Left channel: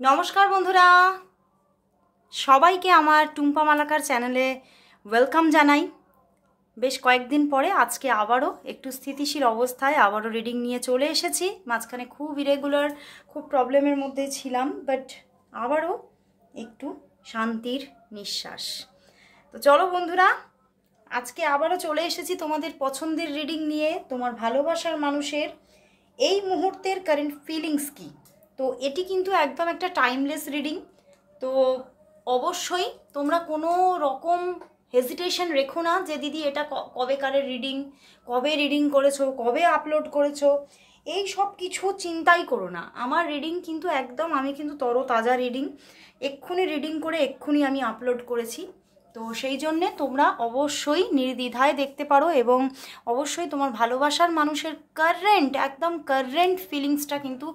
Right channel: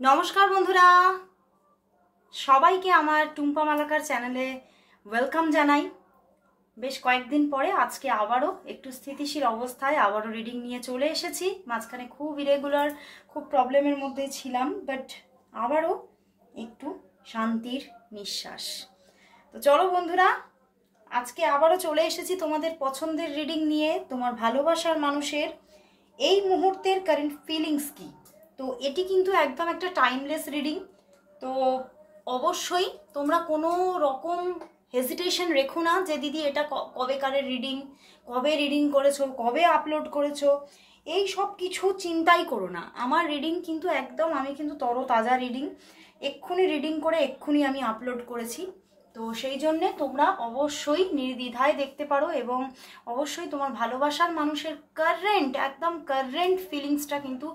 নমস্কার বন্ধুরা, সবাইকে আমার টুম্পা মালাকার চ্যানেলে ওয়েলকাম জানাই। বেশ কয়েকদিন পরে আজকে আবারও একটু স্থিতিশীল অবস্থায় আবারও রিডিং নিয়ে চলে এসেছি। মাঝখানে খুব ইরেগুলার, খুব প্রবলেমের মধ্যে ছিলাম, বাট আবারও একটু শান্তির নিঃশ্বাস। তো চলো বন্ধুরা, আজকে আবারও চলে এসেছি তোমাদের পছন্দের রিডিং নিয়ে। তোমার ভালোবাসার মানুষের এই মুহূর্তের কারেন্ট ফিলিংস কি। তো এটি কিন্তু একদম একটা টাইমলেস রিডিং। তো অবশ্যই তোমরা কোনো রকম হেজিটেশন রেখো না যে দিদি এটা কবেকারের রিডিং, কবে রিডিং করেছো, কবে আপলোড করেছো, এই সব কিছু চিন্তাই করো না। আমার রিডিং কিন্তু একদম, আমি কিন্তু তরতাজা রিডিং, এক্ষুনি রিডিং করে এক্ষুনি আমি আপলোড করেছি। তো সেই জন্যে তোমরা অবশ্যই নির্দ্বিধায় দেখতে পারো এবং অবশ্যই তোমার ভালোবাসার মানুষের একদম কারেন্ট ফিলিংসটা কিন্তু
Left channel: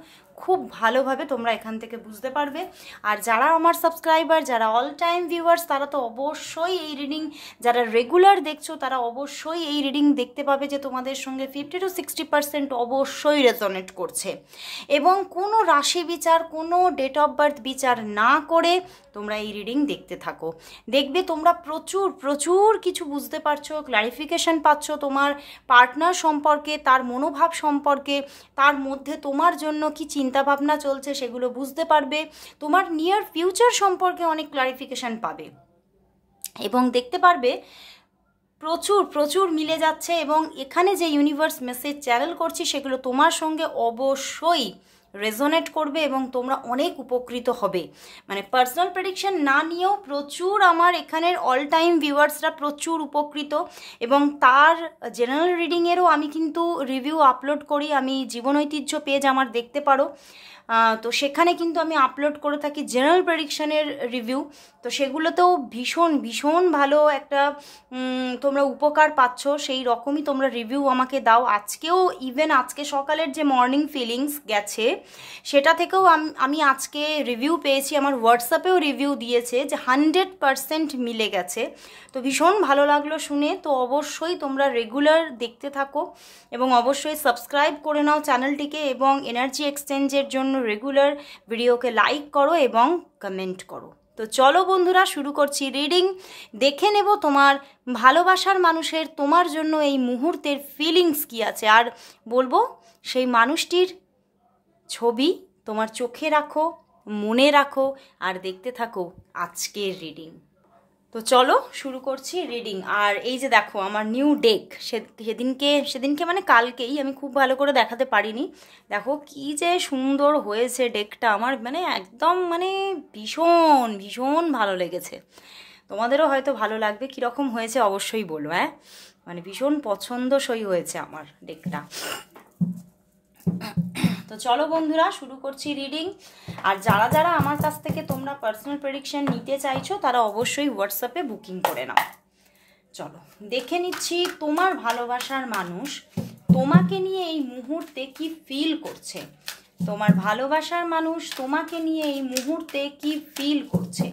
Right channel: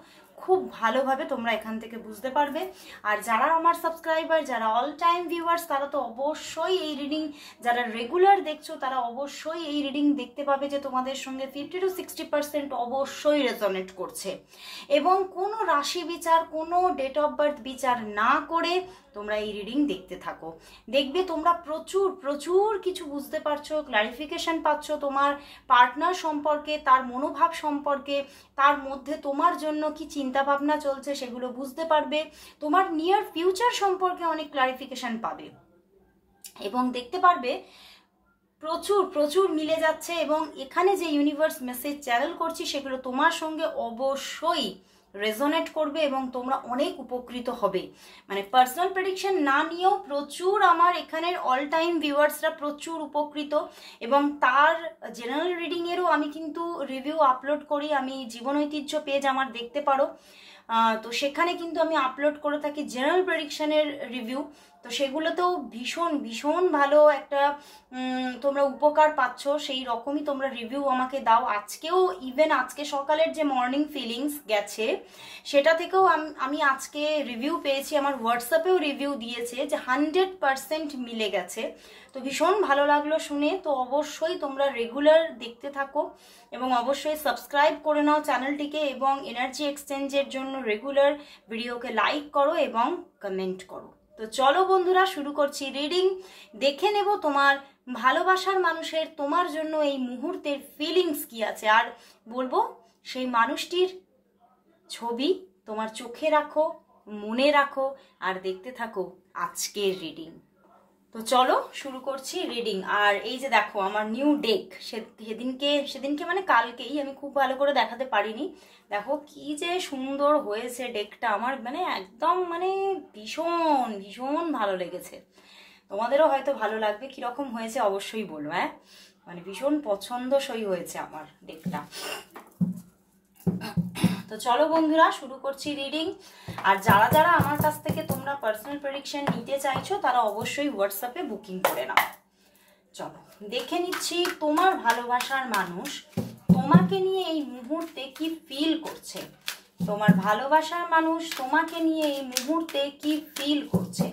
খুব ভালোভাবে তোমরা এখান থেকে বুঝতে পারবে। আর যারা আমার সাবস্ক্রাইবার, যারা অল টাইম ভিউয়ার্স, তারা তো অবশ্যই এই রিডিং, যারা রেগুলার দেখছো তারা অবশ্যই এই রিডিং দেখতে পাবে যে তোমাদের সঙ্গে 50 to 60% অবশ্যই রেজোনেট করছে। এবং কোনো রাশি বিচার, কোনো ডেট অফ বার্থ বিচার না করে তোমরা এই রিডিং দেখতে থাকো। দেখবে তোমরা প্রচুর প্রচুর কিছু বুঝতে পারছো, ক্লারিফিকেশন পাচ্ছ তোমার পার্টনার সম্পর্কে, তার মনোভাব সম্পর্কে, তার মধ্যে তোমার জন্য কি চিন্তাভাবনা চলছে সেগুলো বুঝতে পারবে। তোমার নিয়ার ফিউচার সম্পর্কে অনেক ক্লারিফিকেশন পাবে এবং দেখতে পারবে প্রচুর প্রচুর মিলে যাচ্ছে। এবং এখানে যে ইউনিভার্স মেসেজ চ্যানেল করছি সেগুলো তোমার সঙ্গে অবশ্যই রেজোনেট করবে এবং তোমরা অনেক উপকৃত হবে। মানে পার্সোনাল প্রেডিকশন না নিয়েও প্রচুর আমার এখানের অল টাইম ভিউয়ার্সরা প্রচুর উপকৃত। এবং তার জেনারেল রিডিংয়েরও আমি কিন্তু রিভিউ আপলোড করি। আমি জীবন ঐতিহ্য পেজ আমার দেখতে পারো, তো সেখানে কিন্তু আমি আপলোড করে থাকি জেনারেল প্রেডিকশনের রিভিউ। তো সেগুলোতেও ভীষণ ভীষণ ভালো একটা তোমরা উপকার পাচ্ছ, সেই রকমই তোমরা রিভিউ আমাকে দাও। আজকেও ইভেন আজকে সকালের যে মর্নিং ফিলিংস গেছে সেটা থেকেও আমি আজকে রিভিউ পেয়েছি, আমার হোয়াটসঅ্যাপেও রিভিউ দিয়েছে যে 100% মিলে গেছে। তো ভীষণ ভালো লাগলো শুনে। তো অবশ্যই তোমরা রেগুলার দেখতে থাকো এবং অবশ্যই সাবস্ক্রাইব করে নাও চ্যানেলটিকে এবং এনার্জি এক্সচেঞ্জের জন্য রেগুলার ভিডিওকে লাইক করো এবং কমেন্ট করো। তো চলো বন্ধুরা, শুরু করছি রিডিং। দেখে নেব তোমার ভালোবাসার মানুষের তোমার জন্য এই মুহূর্তের ফিলিংস কি আছে, আর বলবো সেই মানুষটির ছবি তোমার চোখে রাখো, মনে রাখো আর দেখতে থাকো আজকের রিডিং। তো চলো শুরু করছি রিডিং। আর এই যে দেখো আমার নিউ ডেক, সেদিনকে মানে কালকেই, আমি খুব ভালো করে দেখাতে পারিনি। দেখো কি যে সুন্দর হয়েছে ডেকটা, আমার মানে একদম মানে ভীষণ ভীষণ ভালো লেগেছে। তোমাদেরও হয়তো ভালো লাগবে। কীরকম হয়েছে অবশ্যই বলো, হ্যাঁ, মানে ভীষণ পছন্দসই হয়েছে আমার ডেকটা। তো চলো বন্ধুরা শুরু করছি রিডিং। আর যারা যারা আমার কাছ থেকে তোমরা পার্সোনাল প্রেডিকশন নিতে চাইছো তারা অবশ্যই হোয়াটসঅ্যাপে বুকিং করে নাও। চলো দেখে নিচ্ছি তোমার ভালোবাসার মানুষ তোমাকে নিয়ে এই মুহূর্তে কি ফিল করছে। তোমার ভালোবাসার মানুষ তোমাকে নিয়ে এই মুহূর্তে কি ফিল করছে,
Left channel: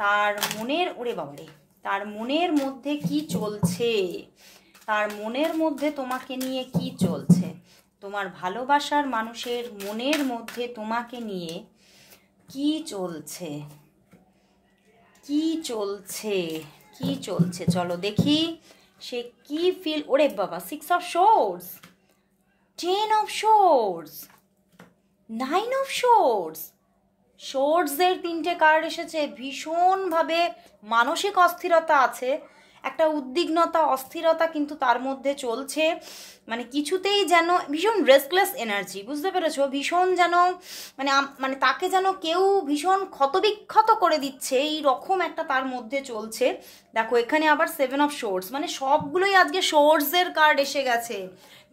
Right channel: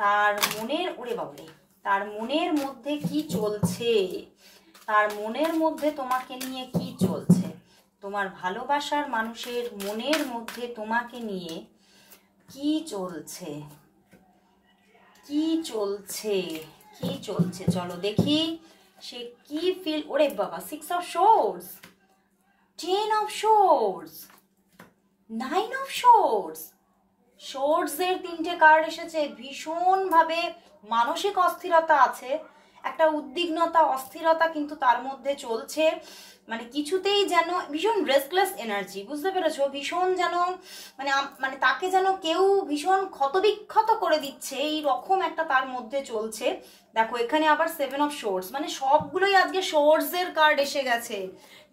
তার মনের, ওরে বাবরে, তার মনের মধ্যে কি চলছে, তার মনের মধ্যে তোমাকে নিয়ে কি চলছে। তোমার ভালোবাসার মানুষের মনের মধ্যে তোমাকে নিয়ে কি চলছে, কি চলছে, কি চলছে, চলো দেখি সে কি ফিল। ওরে বাবা, 6 of swords, 10 of swords, 9 of swords, সোর্সের 3টে কার্ড এসেছে। ভীষণভাবে মানসিক অস্থিরতা আছে, একটা উদ্বিগ্নতা, অস্থিরতা কিন্তু তার মধ্যে চলছে। মানে কিছুতেই যেন ভীষণ রেস্টলেস এনার্জি, বুঝতে পেরেছো? ভীষণ যেন মানে মানে তাকে যেন কেউ ভীষণ ক্ষতবিক্ষত করে দিচ্ছে, এই রকম একটা তার মধ্যে চলছে। দেখো এখানে আবার 7 অফ সোর্স, মানে সবগুলোই আজকে সোর্সের কার্ড এসে গেছে।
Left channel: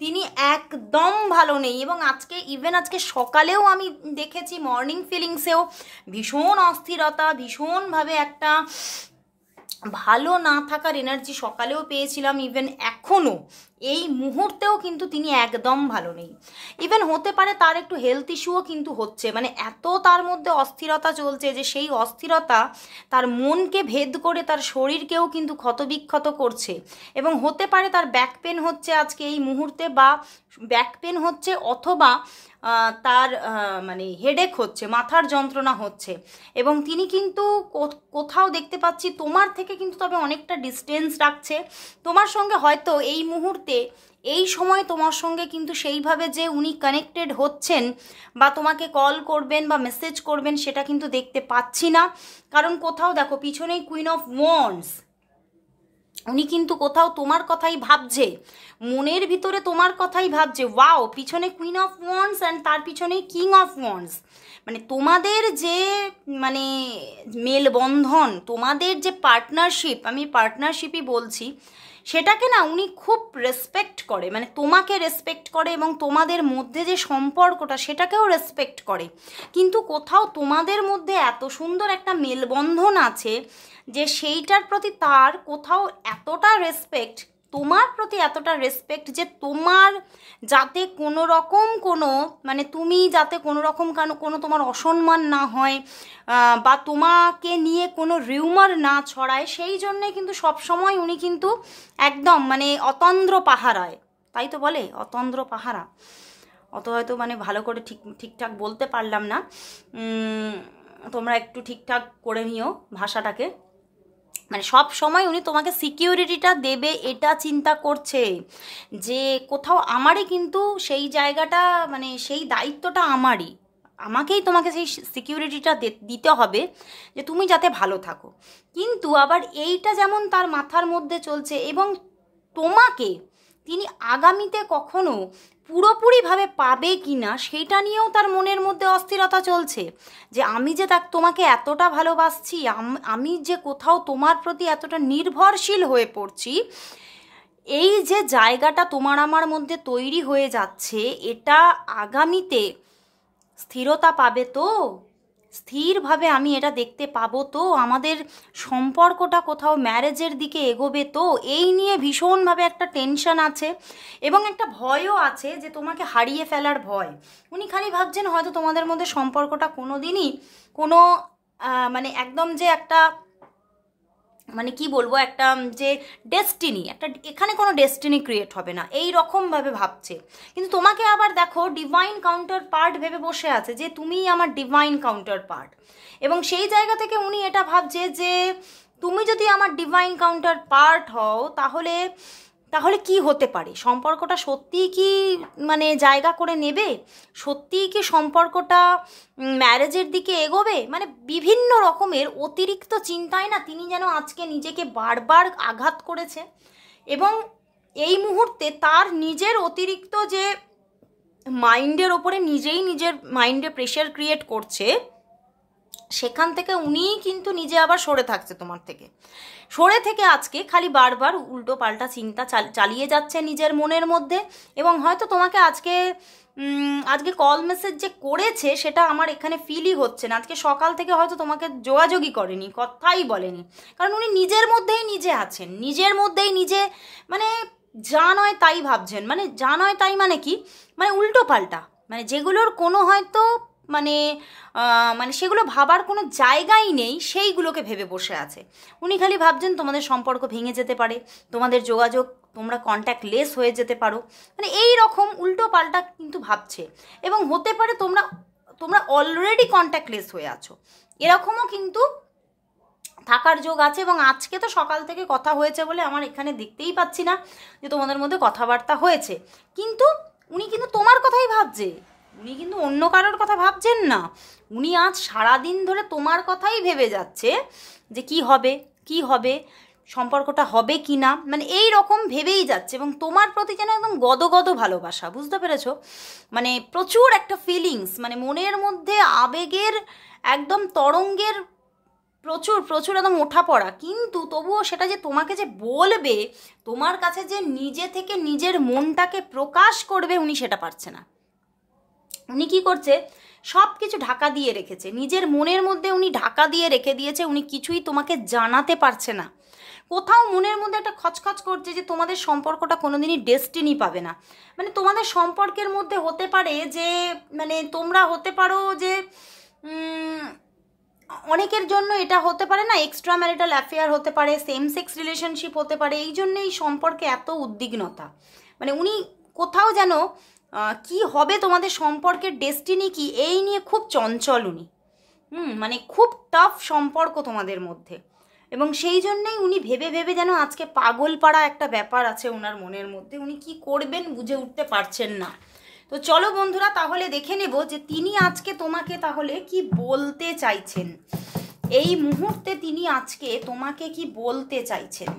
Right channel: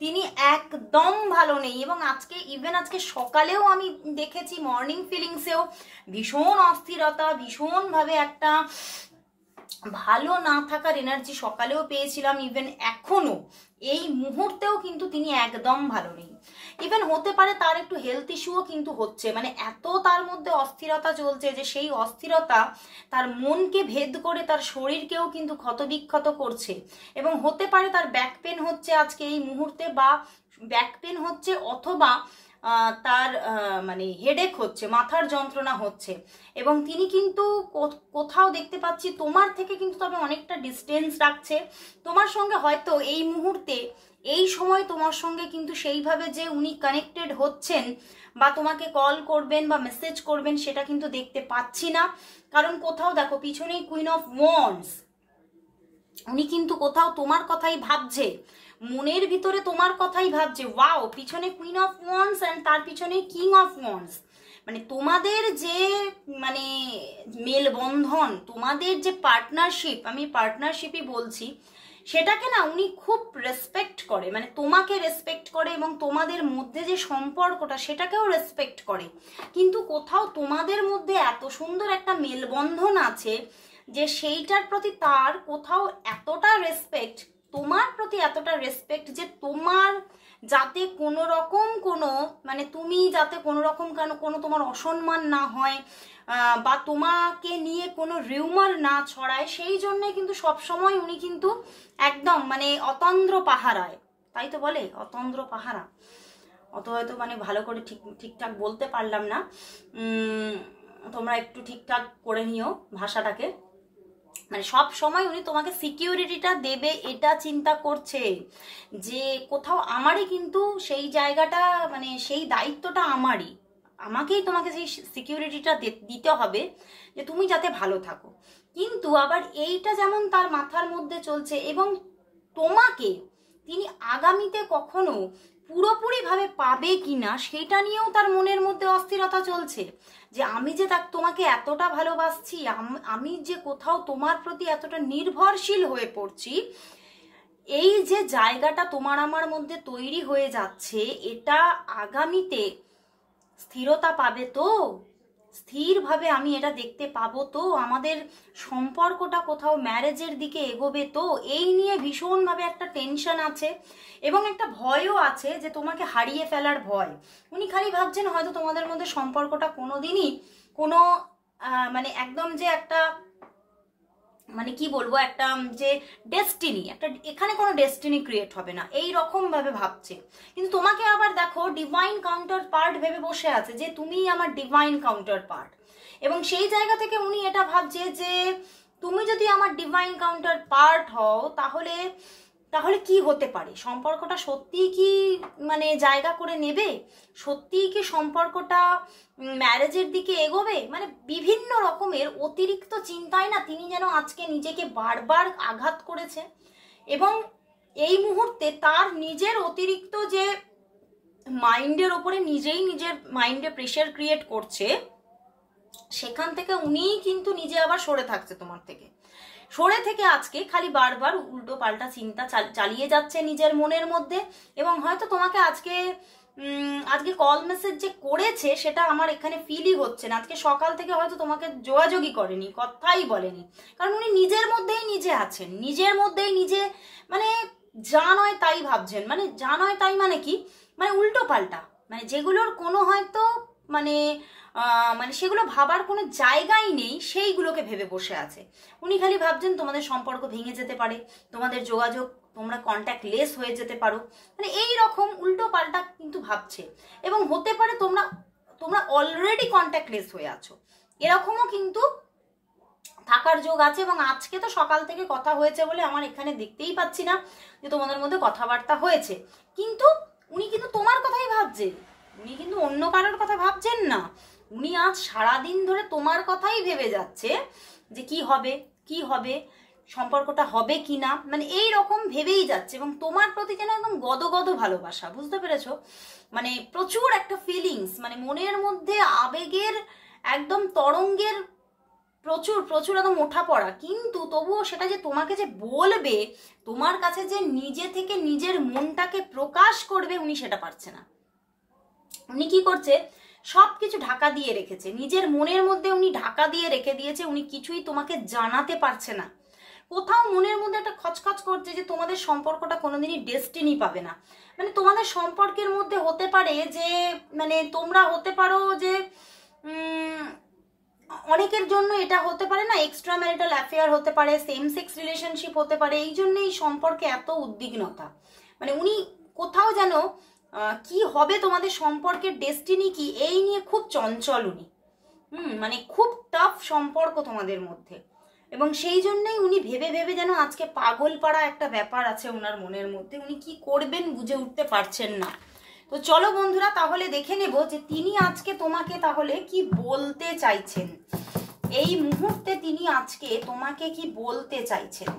তিনি একদম ভালো নেই এবং আজকে সকালেও আমি দেখেছি মর্নিং ফিলিংসেও ভীষণ অস্থিরতা, ভীষণভাবে একটা ভালো না থাকার এনার্জি সকালেও পেয়েছিলাম। ইভেন এখনো এই মুহূর্তেও কিন্তু তিনি একদম ভালো নেই। ইভেন হতে পারে তার একটু হেলথ ইস্যুও কিন্তু হচ্ছে, মানে এত তার মধ্যে অস্থিরতা চলছে যে সেই অস্থিরতা তার মনকে ভেদ করে তার শরীরকেও কিন্তু ক্ষতবিক্ষত করছে। এবং হতে পারে তার ব্যাক পেন হচ্ছে আজকে এই মুহূর্তে, বা ব্যাক পেন হচ্ছে অথবা তার মানে হেডেক হচ্ছে, মাথার যন্ত্রণা হচ্ছে, এবং তিনি কিন্তু কোথাও দেখতে পাচ্ছি তোমার থেকে কিন্তু তবে অনেকটা ডিস্টেন্স রাখছে তোমার সঙ্গে। হয়তো এই মুহূর্তে এই সময় তোমার সঙ্গে কিন্তু সেইভাবে যে উনি কানেক্টেড হচ্ছেন বা তোমাকে কল করবেন বা মেসেজ করবেন সেটা কিন্তু দেখতে পাচ্ছি না। কারণ কোথাও দেখো পিছনেই কুইন অফ ওয়ান্ডস, উনি কিন্তু কোথাও তোমার কথাই ভাবছে, মনের ভিতরে তোমার কথাই ভাবছে। ওয়াও, পিছনে কুইন অফ ওয়ান্ডস অ্যান্ড তার পিছনে কিং অফ ওয়ান্ডস। মানে তোমাদের যে মানে মেলবন্ধন, তোমাদের যে পার্টনারশিপ, আমি পার্টনারশিপই বলছি, সেটাকে না উনি খুব রেসপেক্ট করে, মানে তোমাকে রেসপেক্ট করে এবং তোমাদের মধ্যে যে সম্পর্কটা সেটাকেও রেসপেক্ট করে। কিন্তু কোথাও তোমাদের মধ্যে এত সুন্দর একটা মেলবন্ধন আছে যে সেইটার প্রতি তার কোথাও এতটা রেসপেক্ট, তোমার প্রতি এতটা রেসপেক্ট যে তোমার যাতে কোনো রকম কোনো মানে তুমি যাতে কোনো রকম কোনো তোমার অসম্মান না হয় বা তোমাকে নিয়ে কোনো রিউমার না ছড়ায়, সেই জন্যে কিন্তু সবসময় উনি কিন্তু একদম মানে অতন্দ্র পাহারায়, তাই তো বলে অতন্দ্র পাহারা, অত হয়তো মানে ভালো করে ঠিকঠাক বলতে পারলাম না, তোমরা একটু ঠিকঠাক করে নিও ভাষাটাকে। মানে সব সময় উনি তোমাকে সিকিউরিটিটা দেবে এটা চিন্তা করছে যে কোথাও আমারই কিন্তু সেই জায়গাটা মানে সেই দায়িত্বটা আমারই, আমাকেই তোমাকে সেই সিকিউরিটিটা দিতে হবে যে তুমি যাতে ভালো থাকো। কিন্তু আবার এইটা যেমন তার মাথার মধ্যে চলছে, এবং তোমাকে তিনি আগামীতে কখনো পুরোপুরিভাবে পাবে কি না সেইটা নিয়েও তার মনের মধ্যে অস্থিরতা চলছে যে আমি যে তোমাকে এতটা ভালোবাসছি, আমি যে কোথাও তোমার প্রতি এতটা নির্ভরশীল হয়ে পড়ছি, এই যে জায়গাটা তোমার আমার মধ্যে তৈরি হয়ে যাচ্ছে, এটা আগামীতে স্থিরতা পাবে তো, স্থিরভাবে আমি এটা দেখতে পাবো তো, আমাদের সম্পর্কটা কোথাও ম্যারেজের দিকে এগোবে তো, এই নিয়ে ভীষণভাবে একটা টেনশন আছে এবং একটা ভয়ও আছে যে তোমাকে হারিয়ে ফেলার ভয়। উনি খালি ভাবছেন হয়তো তোমাদের মধ্যে সম্পর্কটা কোনো দিনই কোনো মানে একদম যে একটা মানে কি বলবো একটা যে ডেস্টিনি, একটা এখানে কোনো ডেস্টিনি ক্রিয়েট হবে না এই রকমভাবে ভাবছে। কিন্তু তোমাকে আবার দেখো ডিভাইন কাউন্টার পার্ট ভেবে বসে আছে যে তুমি আমার ডিভাইন কাউন্টার পার্ট, এবং সেই জায়গা থেকে উনি এটা ভাবছে যে তুমি যদি আমার ডিভাইন কাউন্টার পার্ট হও তাহলে তাহলে কি হতে পারে, সম্পর্কটা সত্যিই কি মানে জায়গা করে নেবে, সত্যিই কি সম্পর্কটা ম্যারেজের দিকে এগোবে, মানে বিভিন্ন রকমের অতিরিক্ত চিন্তায় না তিনি যেন আজকে নিজেকে বারবার আঘাত করেছে। এবং এই মুহূর্তে তার নিজের অতিরিক্ত যে মাইন্ডের ওপরে নিজেই নিজের মাইন্ডে প্রেশার ক্রিয়েট করছে, সেখান থেকে উনিই কিন্তু নিজে আবার সরে থাকছে তোমার থেকে, সরে থেকে আজকে খালি বারবার উল্টো পাল্টা চিন্তা চালিয়ে যাচ্ছে নিজের মনের মধ্যে। এবং হয়তো তোমাকে আজকে কল মেসেজ যে করেছে সেটা আমার এখানে ফিলই হচ্ছে না, আজকে সকাল থেকে হয়তো তোমাকে যোগাযোগই করেনি, কথাই বলেনি, কারণ উনি নিজের মধ্যেই নিজে আছেন, নিজের মধ্যেই নিজে মানে যা নয় তাই ভাবছেন। মানে যা নয় তাই মানে কি, মানে উল্টো পাল্টা, মানে যেগুলোর কোনো হয়তো মানে মানে সেগুলো ভাবার কোনো জায়গাই নেই সেইগুলোকে ভেবে বসে আছে। উনি খালি ভাবছেন তোমাদের সম্পর্ক ভেঙে যেতে পারে, তোমাদের যোগাযোগ তোমরা কন্ট্যাক্ট লেস হয়ে যেতে পারো, মানে এই রকম উল্টো পাল্টা কিন্তু ভাবছে। এবং হতে পারে তোমরা অলরেডি কন্ট্যাক্ট লেস হয়ে আছো, এরকমও কিন্তু থাকার যোগ আছে। এবং আজকে তো সকাল থেকে কথা হয়েছে বলে আমার এখানে দেখতেই পাচ্ছি না যে তোমাদের মধ্যে কথাবার্তা হয়েছে, কিন্তু উনি কিন্তু তোমার কথাই ভাবছে, উনি কিন্তু অন্য কারোর কথা ভাবছেন না। উনি আজ সারাদিন ধরে তোমার কথাই ভেবে যাচ্ছে যে কি হবে কি হবে, সম্পর্কটা হবে কি না, মানে এই রকম ভেবেই যাচ্ছে। এবং তোমার প্রতি যেন একদম গদগদ ভালোবাসা, বুঝতে পেরেছো, মানে প্রচুর একটা ফিলিংস, মানে মনের মধ্যে আবেগের একদম তরঙ্গের প্রচুর প্রচুর একদম ওঠা পড়া। কিন্তু তবুও সেটা যে তোমাকে যে বলবে, তোমার কাছে যে নিজে থেকে নিজের মনটাকে প্রকাশ করবে, উনি সেটা পারছে না। উনি কি করছে, সব কিছু ঢাকা দিয়ে রেখেছে, নিজের মনের মধ্যে উনি ঢাকা দিয়ে রেখে দিয়েছে, উনি কিছুই তোমাকে জানাতে পারছে না। কোথাও মনের মধ্যে একটা খচখচ করছে যে তোমাদের সম্পর্কটা কোনোদিনই ডেস্টিনি পাবে না। মানে তোমাদের সম্পর্কের মধ্যে হতে পারে যে মানে তোমরা হতে পারো যে অনেকের জন্য এটা হতে পারে না, এক্সট্রা ম্যারিটাল অ্যাফেয়ার হতে পারে, সেম সেক্স রিলেশনশিপ হতে পারে, এই জন্য এই সম্পর্কে এত উদ্বিগ্নতা। মানে উনি কোথাও যেন কি হবে তোমাদের সম্পর্কের ডেস্টিনি কি, এই নিয়ে খুব চঞ্চল উনি। মানে খুব টাফ সম্পর্ক তোমাদের মধ্যে, এবং সেই জন্যই উনি ভেবে ভেবে যেন আজকে পাগল পাড়া একটা ব্যাপার আছে ওনার মনের মধ্যে, উনি কি করবেন বুঝে উঠতে পারছেন না। তো চলো বন্ধুরা তাহলে দেখে নেব যে তিনি আজকে তোমাকে তাহলে কি বলতে চাইছেন, এই মুহূর্তে তিনি আজকে তোমাকে কি বলতে চাইছেন।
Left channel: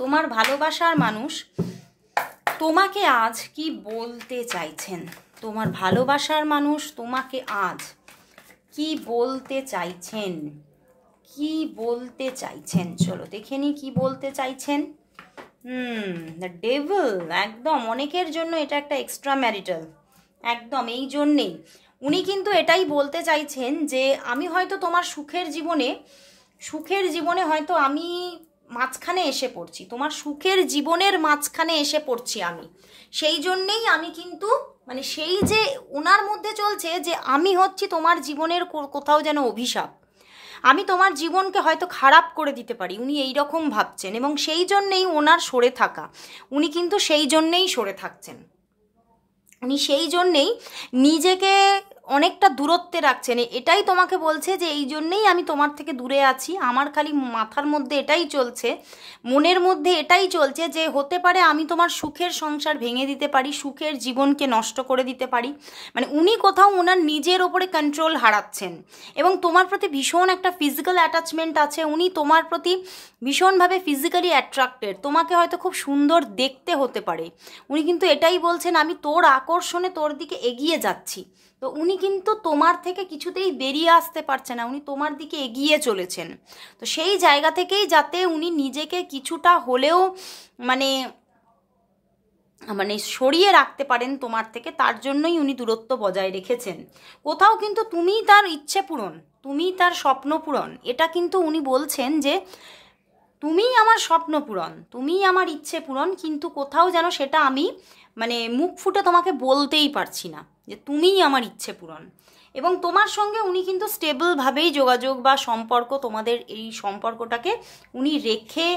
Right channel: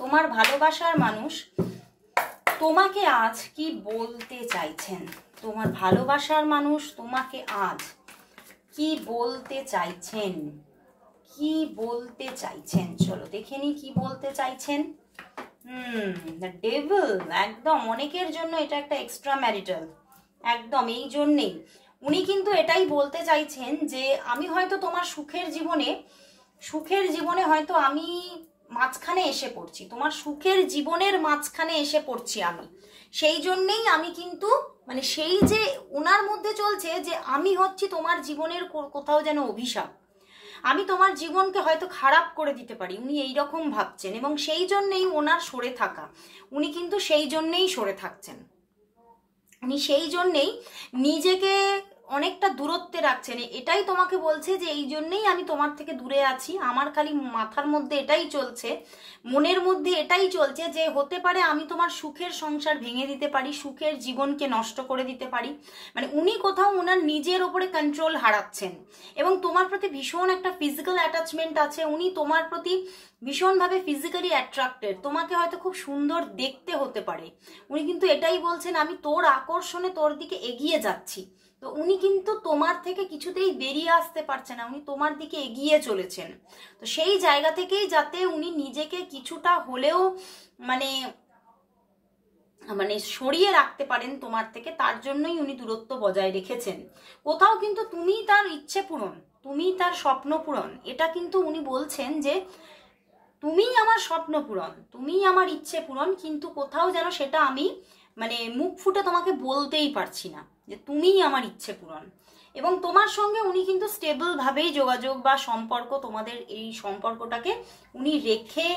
তোমার ভালোবাসার মানুষ তোমাকে আজ কি বলতে চাইছেন, তোমার ভালোবাসার মানুষ তোমাকে আজ কি বলতে চাইছেন, কি বলতে চাইছেন, চলো দেখে নি কি বলতে চাইছেন। দ্য ডেভিল, একদম অনেকের জন্য এটা একটা এক্সট্রা ম্যারিটাল, একদম এই জন্যেই উনি কিন্তু এটাই বলতে চাইছেন যে আমি হয়তো তোমার সুখের জীবনে হয়তো আমি মাঝখানে এসে পড়ছি, তোমার সুখের জীবনের মাঝখানে এসে পড়ছি আমি, সেই জন্যেই আমি কিন্তু মানে সেই যে ওনার মধ্যে চলছে যে আমি হচ্ছি তোমার জীবনের কোথাও যেন অভিশাপ, আমি তোমার জীবনকে হয়তো খারাপ করে দিতে পারি, উনি এই রকম ভাবছেন, এবং সেই জন্যেই ওনার সরে থাকা, উনি কিন্তু সেই জন্যেই সরে থাকছেন, উনি সেই জন্যেই নিজেকে অনেকটা দূরত্বে রাখছেন। এটাই তোমাকে বলছে যে এই জন্যেই আমি তোমার থেকে দূরে আছি, আমার খালি মাথার মধ্যে এটাই চলছে, মনের মধ্যে এটাই চলছে যে হতে পারে আমি তোমার সুখের সংসার ভেঙে দিতে পারি, সুখের জীবনকে নষ্ট করে দিতে পারি। মানে উনি কোথাও ওনার নিজের ওপরে কন্ট্রোল হারাচ্ছেন, এবং তোমার প্রতি ভীষণ একটা ফিজিক্যাল অ্যাটাচমেন্ট আছে, উনি তোমার প্রতি ভীষণভাবে ফিজিক্যালি অ্যাট্রাক্টেড, তোমাকে হয়তো খুব সুন্দর দেখতে হতে পারে, উনি কিন্তু এটাই বলছেন আমি তোর আকর্ষণে তোর দিকে এগিয়ে যাচ্ছি। তো উনি কিন্তু তোমার থেকে কিছুতেই বেরিয়ে আসতে পারছে না, উনি তোমার দিকে এগিয়ে চলেছেন। তো সেই জায়গা থেকেই যাতে উনি নিজেকে কিছুটা হলেও মানে মানে সরিয়ে রাখতে পারেন তোমার থেকে, তার জন্যই উনি দূরত্ব বজায় রেখেছেন। কোথাও কিন্তু তুমি তার ইচ্ছে পূরণ, তুমি তার স্বপ্ন পূরণ, এটা কিন্তু উনি বলছেন যে তুমিই আমার স্বপ্ন পূরণ, তুমিই আমার ইচ্ছে পূরণ, কিন্তু কোথাও যেন সেটা আমি মানে মুখ ফুটে তোমাকে বলতেই পারছি না যে তুমিই আমার ইচ্ছে পূরণ। এবং তোমার সঙ্গে উনি কিন্তু স্টেবলভাবেই যোগাযোগ বা সম্পর্ক, তোমাদের এই সম্পর্কটাকে উনি রেখে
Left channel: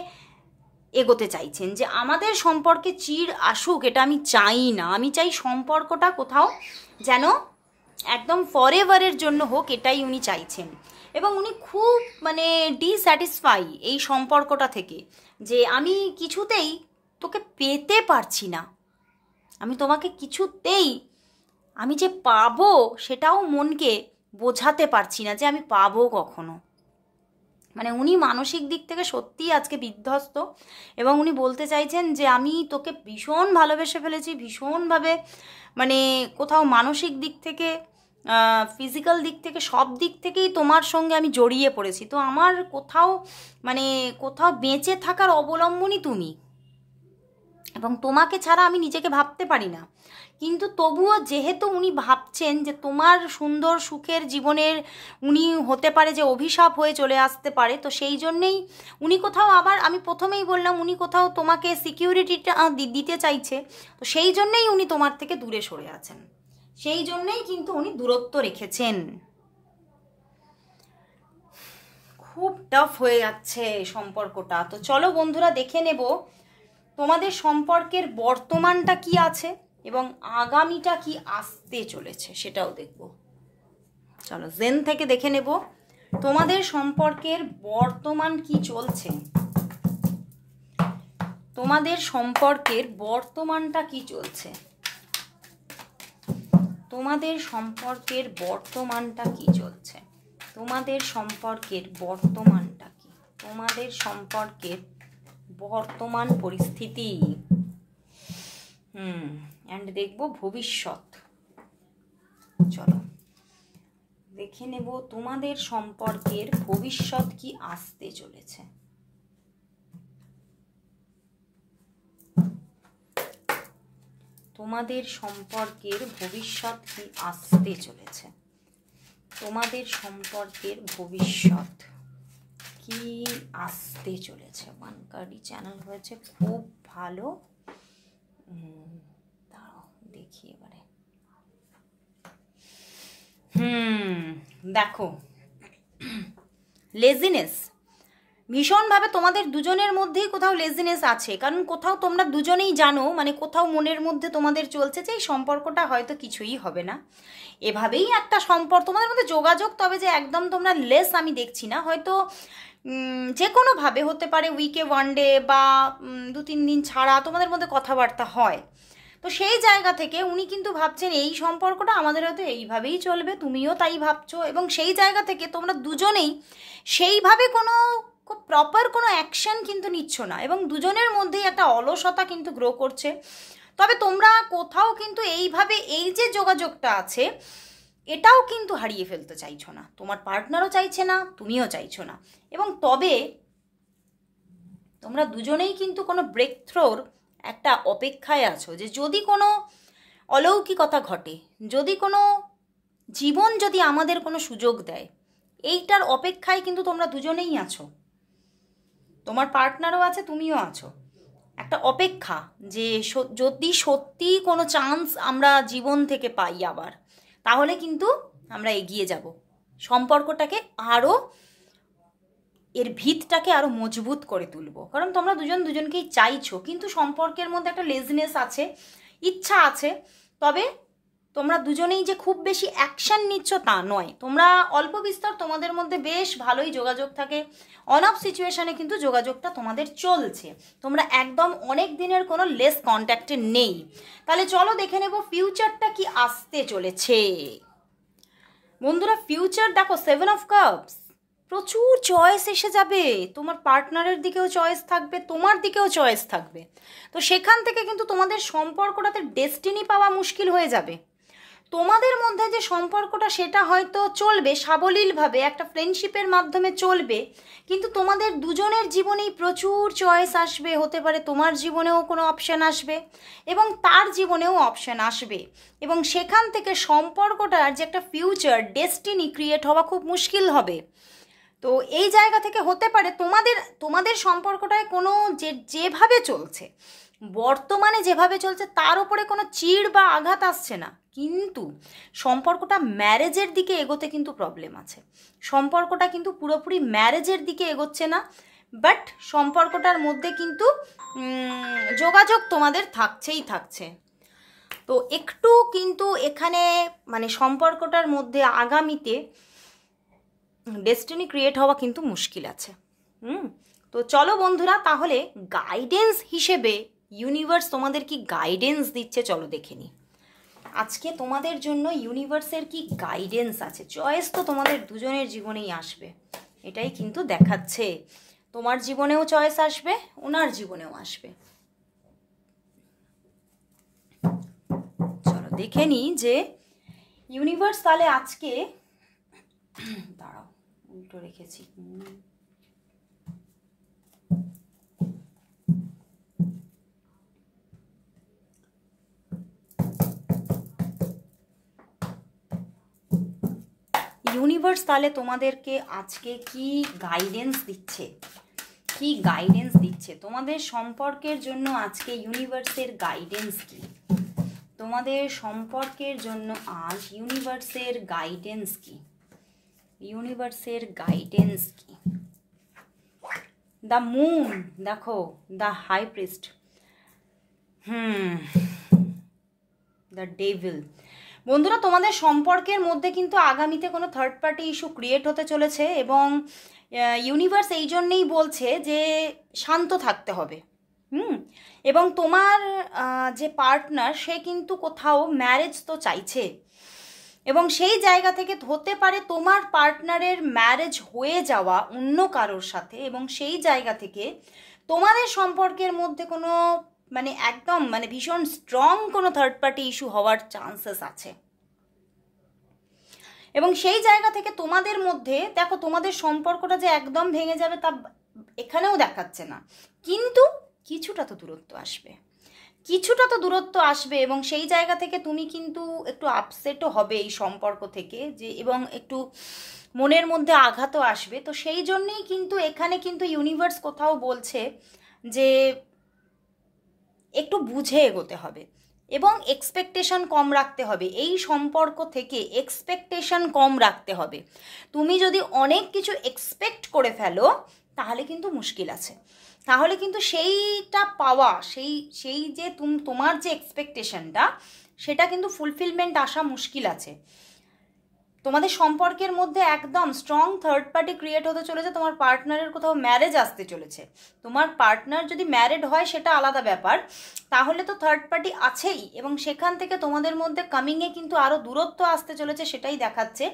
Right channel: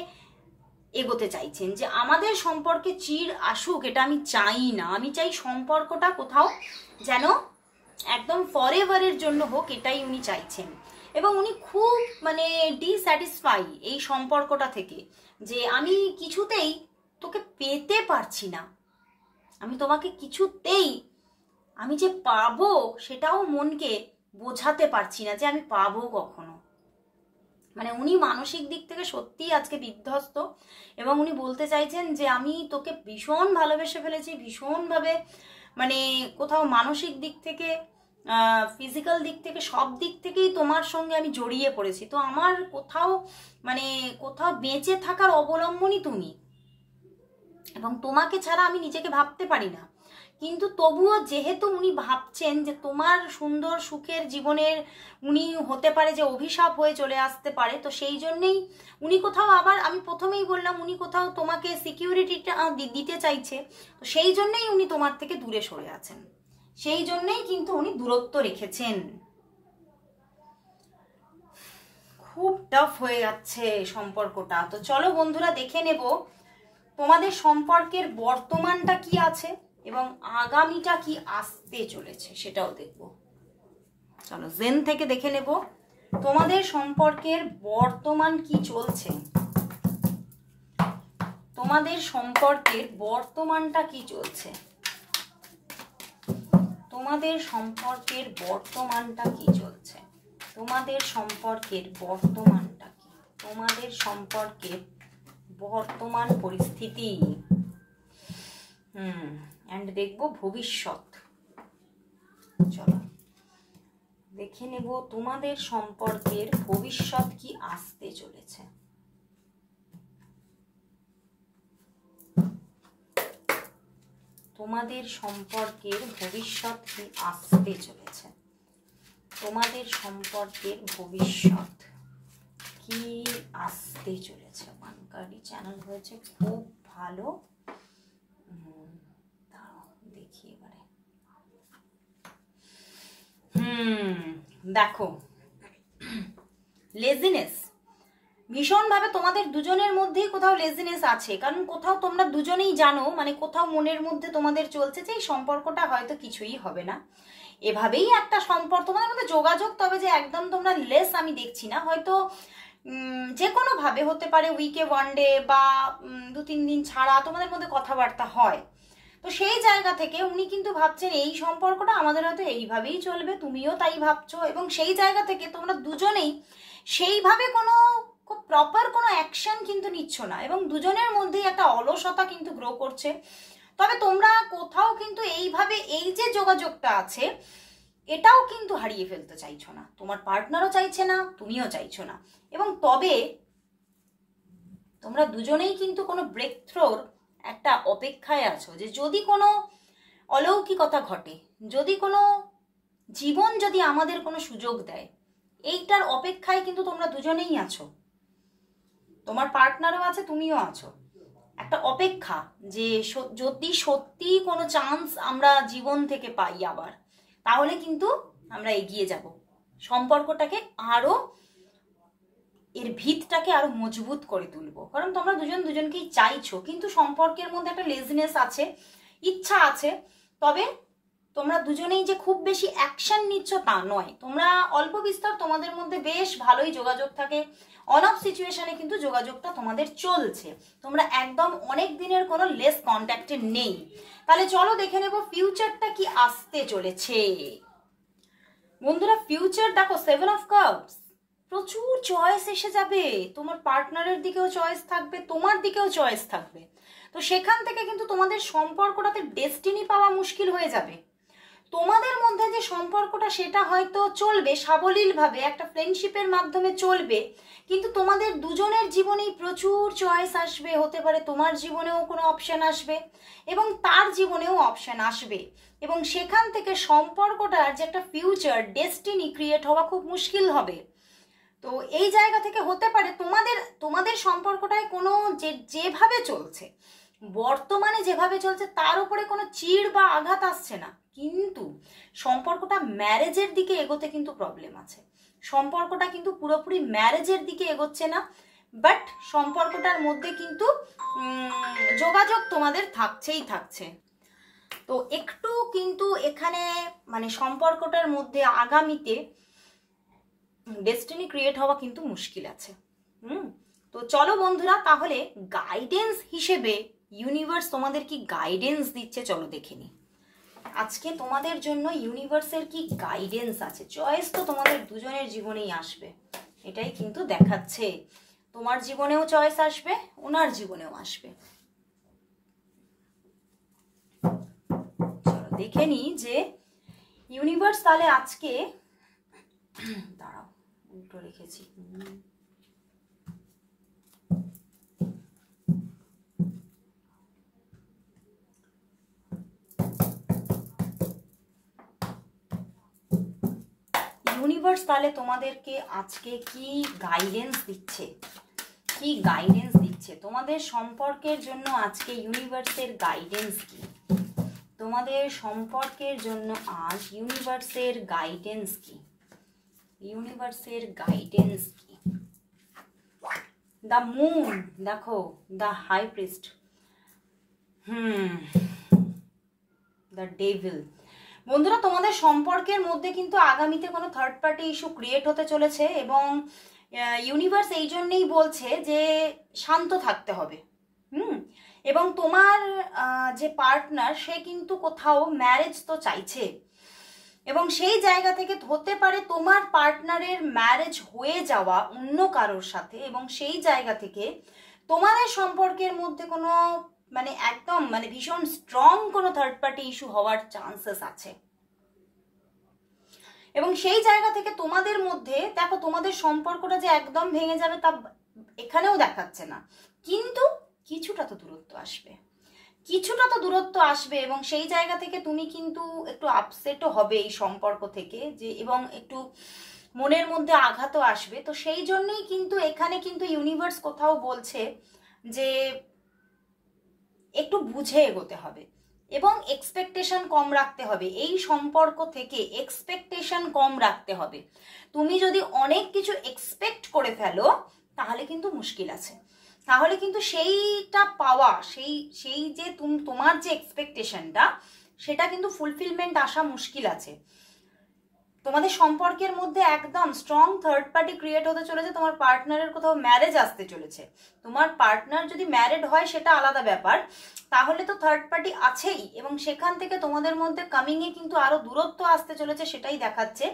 এগোতে চাইছেন, যে আমাদের সম্পর্কে চির আসুক এটা আমি চাই না, আমি চাই সম্পর্কটা কোথাও যেন একদম ফরএভারের জন্য হোক, এটাই উনি চাইছেন। এবং উনি খুব মানে ডিস্যাটিসফাই এই সম্পর্কটা থেকে, যে আমি কিছুতেই তোকে পেতে পারছি না, আমি তোমাকে কিছুতেই আমি যে পাবো সেটাও মনকে বোঝাতে পারছি না যে আমি পাবো কখনো। মানে উনি মানসিক দিক থেকে সত্যিই আজকে বিধ্বস্ত, এবং উনি বলতে চাইছেন যে আমি তোকে ভীষণ ভালোবেসে ফেলেছি, ভীষণভাবে মানে কোথাও মানসিক দিক থেকে ফিজিক্যাল দিক থেকে সব দিক থেকেই তোমার সঙ্গে আমি জড়িয়ে পড়েছি, তো আমার কোথাও মানে কোথাও বেঁচে থাকার অবলম্বনই তুমি, এবং তোমাকে ছাড়া আমি নিজেকে ভাবতে পারি না। কিন্তু তবুও যেহেতু উনি ভাবছেন যে তোমার সুন্দর সুখের জীবনের উনি হতে পারে যে অভিশাপ হয়ে চলে আসতে পারে, তো সেই জন্যেই উনি কোথাও আবার আমি প্রথমেই বললাম উনি কোথাও তোমাকে সিকিউরিটিটা দিতে চাইছে, তো সেই জন্যেই উনি তোমার থেকে দূরে সরে আছেন, সেই জন্যেই কিন্তু উনি দূরত্ব রেখেছেন। খুব টাফ হয়ে যাচ্ছে সম্পর্কটা। তো চলো বন্ধুরা দেখে নেব তোমাদের সম্পর্কের বর্তমানটা কি আছে এবং আগামীটা কি আসতে চলেছে সেটাও দেখব। চলো জেন থেকে দেখে নেব তোমাদের সম্পর্কের বর্তমান কি চলছে, তোমাদের সম্পর্কের বর্তমানটা কি চলছে, তোমাদের সম্পর্কের বর্তমানটা কি চলছে, তোমাদের সম্পর্কের বর্তমানটা কি, তোমাদের সম্পর্কের বর্তমান পরিস্থিতি এন্ড দেখব ভবিষ্যৎ। চলো দেখে নেব তোমাদের সম্পর্কের ভবিষ্যৎ কি আসতে চলেছে। তোমাদের সম্পর্কের ভবিষ্যৎ কি আসতে চলেছে, তোমাদের সম্পর্কের ভবিষ্যৎ কি আসতে চলেছে। ওয়ানকারি চ্যানেল হয়েছে খুব ভালো, দাঁড়াও দেখি এবারে। দেখো লেজিনেস, ভীষণভাবে তোমাদের দুজনের মধ্যেই কোথাও লেজিনেস আছে, কারণ কোথাও তোমরা দুজনেই জানো, মানে কোথাও মনের মধ্যে তোমাদের চলছে যে এই সম্পর্কটা হয়তো কিছুই হবে না। এভাবেই একটা সম্পর্ক তোমাদের মধ্যে যোগাযোগ, তবে যে একদম তোমরা লেস আমি দেখছি না, হয়তো যে কোনোভাবে হতে পারে, উইকে ওয়ান ডে বা 2-3 দিন ছাড়া তোমাদের মধ্যে কথাবার্তা হয়। তো সেই জায়গা থেকে উনি কিন্তু ভাবছেন এই সম্পর্কটা আমাদের হয়তো এইভাবেই চলবে, তুমিও তাই ভাবছো, এবং সেই জায়গা থেকে তোমরা দুজনেই সেইভাবে কোনো খুব প্রপার কোনো অ্যাকশন কিন্তু নিচ্ছ না, এবং দুজনের মধ্যেই একটা অলসতা কিন্তু গ্রো করছে। তবে তোমরা কোথাও কিন্তু এইভাবে এই যে যোগাযোগটা আছে এটাও কিন্তু হারিয়ে ফেলতে চাইছো না, তোমার পার্টনারও চাইছে না, তুমিও চাইছো না। এবং তবে তোমরা দুজনেই কিন্তু কোনো ব্রেক থ্রোর একটা অপেক্ষায় আছো, যে যদি কোনো অলৌকিকতা ঘটে, যদি কোনো জীবন যদি আমাদের কোনো সুযোগ দেয়, এইটার অপেক্ষায় কিন্তু তোমরা দুজনেই আছো, তোমার পার্টনারও আছে, তুমিও আছো। একটা অপেক্ষা যে যদি সত্যি কোনো চান্স আমরা জীবন থেকে পাই আবার, তাহলে কিন্তু আমরা এগিয়ে যাব, সম্পর্কটাকে আরও এর ভিতটাকে আরো মজবুত করে তুলবো। কারণ তোমরা দুজন দুজনকেই চাইছো, কিন্তু সম্পর্কের মধ্যে একটা লেজিনেস আছে, ইচ্ছা আছে, তবে তোমরা দুজনেই যে খুব বেশি অ্যাকশন নিচ্ছ তা নয়। তোমরা অল্প বিস্তর তোমাদের মধ্যে বেশ ভালোই যোগাযোগ থাকে, অন অফ সিচুয়েশনে কিন্তু যোগাযোগটা তোমাদের চলছে, তোমরা একদম অনেক দিনের কোনো লেস কন্ট্যাক্টে নেই। তাহলে চলো দেখে নেব ফিউচারটা কি আসতে চলেছে। বন্ধুরা ফিউচার দেখো, 7 অফ কাপস, প্রচুর চয়েস এসে যাবে, তোমার পার্টনারের দিকেও চয়েস থাকবে, তোমার দিকেও চয়েস থাকবে। তো সেখান থেকে কিন্তু তোমাদের সম্পর্কটাতে ডেস্টিনি পাওয়া মুশকিল হয়ে যাবে। তোমাদের মধ্যে যে সম্পর্কটা সেটা হয়তো চলবে সাবলীলভাবে, একটা ফ্রেন্ডশিপের মাধ্যমে চলবে, কিন্তু তোমাদের দুজনের জীবনেই প্রচুর চয়েস আসবে, হতে পারে তোমার জীবনেও কোনো অপশান আসবে এবং তার জীবনেও অপশান আসবে, এবং সেখান থেকে সম্পর্কটার যে একটা ফিউচার ডেস্টিনি ক্রিয়েট হওয়া খুব মুশকিল হবে। তো এই জায়গা থেকে হতে পারে তোমাদের সম্পর্কটায় কোনো যেভাবে চলছে, বর্তমানে যেভাবে চলছে তার উপরে কোনো চিড় বা আঘাত আসছে না, কিন্তু সম্পর্কটা ম্যারেজের দিকে এগোতে কিন্তু প্রবলেম আছে। সম্পর্কটা কিন্তু পুরোপুরি ম্যারেজের দিকে এগোচ্ছে না, বাট সম্পর্কটার মধ্যে কিন্তু যোগাযোগ তোমাদের থাকছেই থাকছে। তো একটু কিন্তু এখানে মানে সম্পর্কটার মধ্যে আগামীতে ডেস্টিনি ক্রিয়েট হওয়া কিন্তু মুশকিল আছে। তো চলো বন্ধুরা, তাহলে গাইডেন্স হিসেবে ইউনিভার্স তোমাদের কি গাইডেন্স দিচ্ছে চলো দেখে নিই। আজকে তোমাদের জন্য ইউনিভার্সের কি গাইডেন্স আছে। চয়েস তো তোমাদের দুজনের জীবনেই আসবে, এটাই কিন্তু দেখাচ্ছে। তোমার জীবনেও চয়েস আসবে, ওনার জীবনেও আসবে। চলো দেখে নিই যে ইউনিভার্স তাহলে আজকে, দাঁড়াও উল্টো রেখেছি, ইউনিভার্স তাহলে তোমাদেরকে আজকে কি গাইডেন্স দিচ্ছে, কি গাইডেন্স দিচ্ছে তোমাদের সম্পর্কের জন্য আজকে ইউনিভার্সের গাইডেন্স কি, তোমাদের সম্পর্কের জন্য আজ ইউনিভার্সের গাইডেন্স কি, ইউনিভার্সের গাইডেন্স কি। দ্য মুন দেখো, the high priest, the devil. বন্ধুরা তোমাদের সম্পর্কের মধ্যে কিন্তু আগামীতে কোনো থার্ড পার্টি ইস্যু ক্রিয়েট হতে চলেছে, এবং ইউনিভার্স এই জন্যেই বলছে যে শান্ত থাকতে হবে। এবং তোমার যে পার্টনার সে কিন্তু কোথাও ম্যারেজ তো চাইছে, এবং সেই জায়গা থেকে হতে পারে তোমার পার্টনারের ম্যারেজ হয়ে যাওয়া অন্য কারোর সাথে, এবং সেই জায়গা থেকে তোমাদের সম্পর্কের মধ্যে কোনো মানে একদম মানে ভীষণ স্ট্রং কোনো থার্ড পার্টি ইস্যু হওয়ার চান্সেস আছে। এবং সেই জায়গা থেকে তোমাদের মধ্যে দেখো, তোমাদের সম্পর্কটা যে একদম ভেঙে যাবে তা এখানেও দেখাচ্ছে না, কিন্তু কিছুটা তো দূরত্ব আসবে, কিছুটা তো দূরত্ব আসবে, এবং সেই জায়গা থেকে তুমি কিন্তু একটু আপসেটও হবে এই সম্পর্ক থেকে, যে এবং একটু মনের মধ্যে আঘাতও আসবে। তো সেই জন্যই কিন্তু এখানে কিন্তু ইউনিভার্স কোথাও বলছে যে একটু বুঝে এগোতে হবে, এবং এক্সপেকটেশন কম রাখতে হবে, এই সম্পর্ক থেকে এক্সপেকটেশন কম রাখতে হবে। তুমি যদি অনেক কিছু এক্সপেক্ট করে ফেলো তাহলে কিন্তু মুশকিল আছে। তাহলে কিন্তু সেইটা পাওয়া, সেই যে তোমার যে এক্সপেকটেশনটা, সেটা কিন্তু ফুলফিলমেন্ট আসা মুশকিল আছে। তোমাদের সম্পর্কের মধ্যে একদম স্ট্রং থার্ড পার্টি ক্রিয়েট হতে চলেছে, তোমার পার্টনারের কোথাও ম্যারেজ আসতে চলেছে। তোমার পার্টনার যদি ম্যারিড হয় সেটা আলাদা ব্যাপার, তাহলে তো থার্ড পার্টি আছেই, এবং সেখান থেকে তোমাদের মধ্যে কামিংয়ে কিন্তু আরো দূরত্ব আসতে চলেছে, সেটাই দেখাচ্ছে।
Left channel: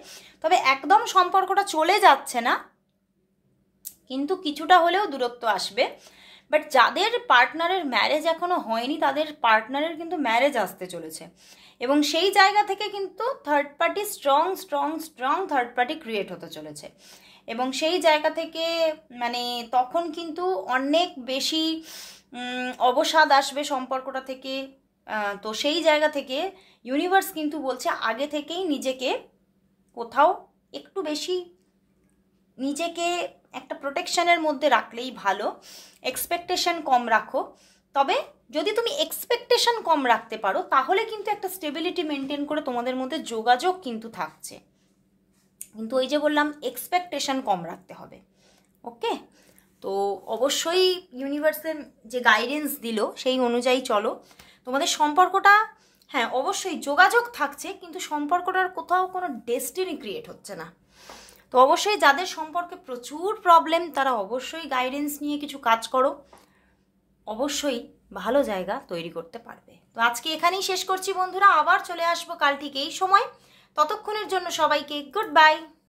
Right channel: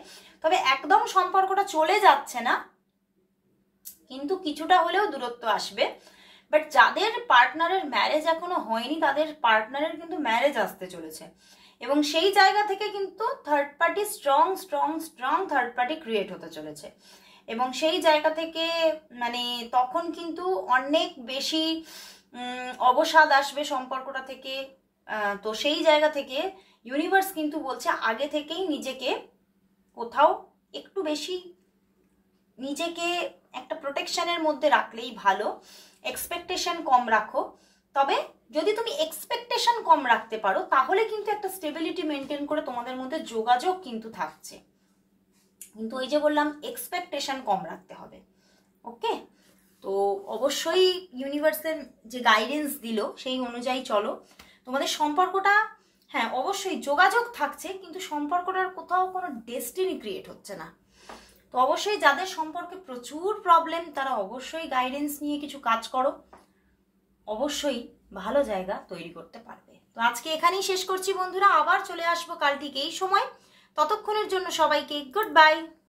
তবে একদম সম্পর্কটা চলে যাচ্ছে না, কিন্তু কিছুটা হলেও দূরত্ব আসবে। বাট যাদের পার্টনারের ম্যারেজ এখনো হয়নি, তাদের পার্টনারের কিন্তু ম্যারেজ আসতে চলেছে, এবং সেই জায়গা থেকে কিন্তু third party strong strong strong third party create হতে চলেছে। এবং সেই জায়গা থেকে মানে তখন কিন্তু অনেক বেশি অবসাদ আসবে সম্পর্কটা থেকে। তো সেই জায়গা থেকে ইউনিভার্স কিন্তু বলছে আগে থেকেই নিজেকে কোথাও একটু বেশি নিজেকে একটা প্রোটেকশনের মধ্যে রাখলেই ভালো। এক্সপেকটেশন কম রাখো। তবে যদি তুমি এক্সপেকটেশন কম রাখতে পারো, তাহলে কিন্তু একটা স্টেবিলিটি মেনটেন করে তোমাদের মধ্যে যোগাযোগ কিন্তু থাকছে। কিন্তু ওই যে বললাম, এক্সপেকটেশন কম রাখতে হবে। ওকে, তো অবশ্যই ইউনিভার্সের যে গাইডেন্স দিল সেই অনুযায়ী চলো। তোমাদের সম্পর্কটা, হ্যাঁ অবশ্যই যোগাযোগ থাকছে, কিন্তু সম্পর্কটার কোথাও কোনো ডেস্টিনি ক্রিয়েট হচ্ছে না। তো অবশ্যই যাদের সম্পর্কে প্রচুর প্রবলেম, তারা অবশ্যই গাইডেন্স নিয়ে কিছু কাজ করো, অবশ্যই ভালো জায়গা তৈরি করতে পারবে। তো আজকে এখানেই শেষ করছি বন্ধুরা, আবার চলে আসবো কাল ঠিক এই সময়। ততক্ষণের জন্য সবাইকে গুড বাই।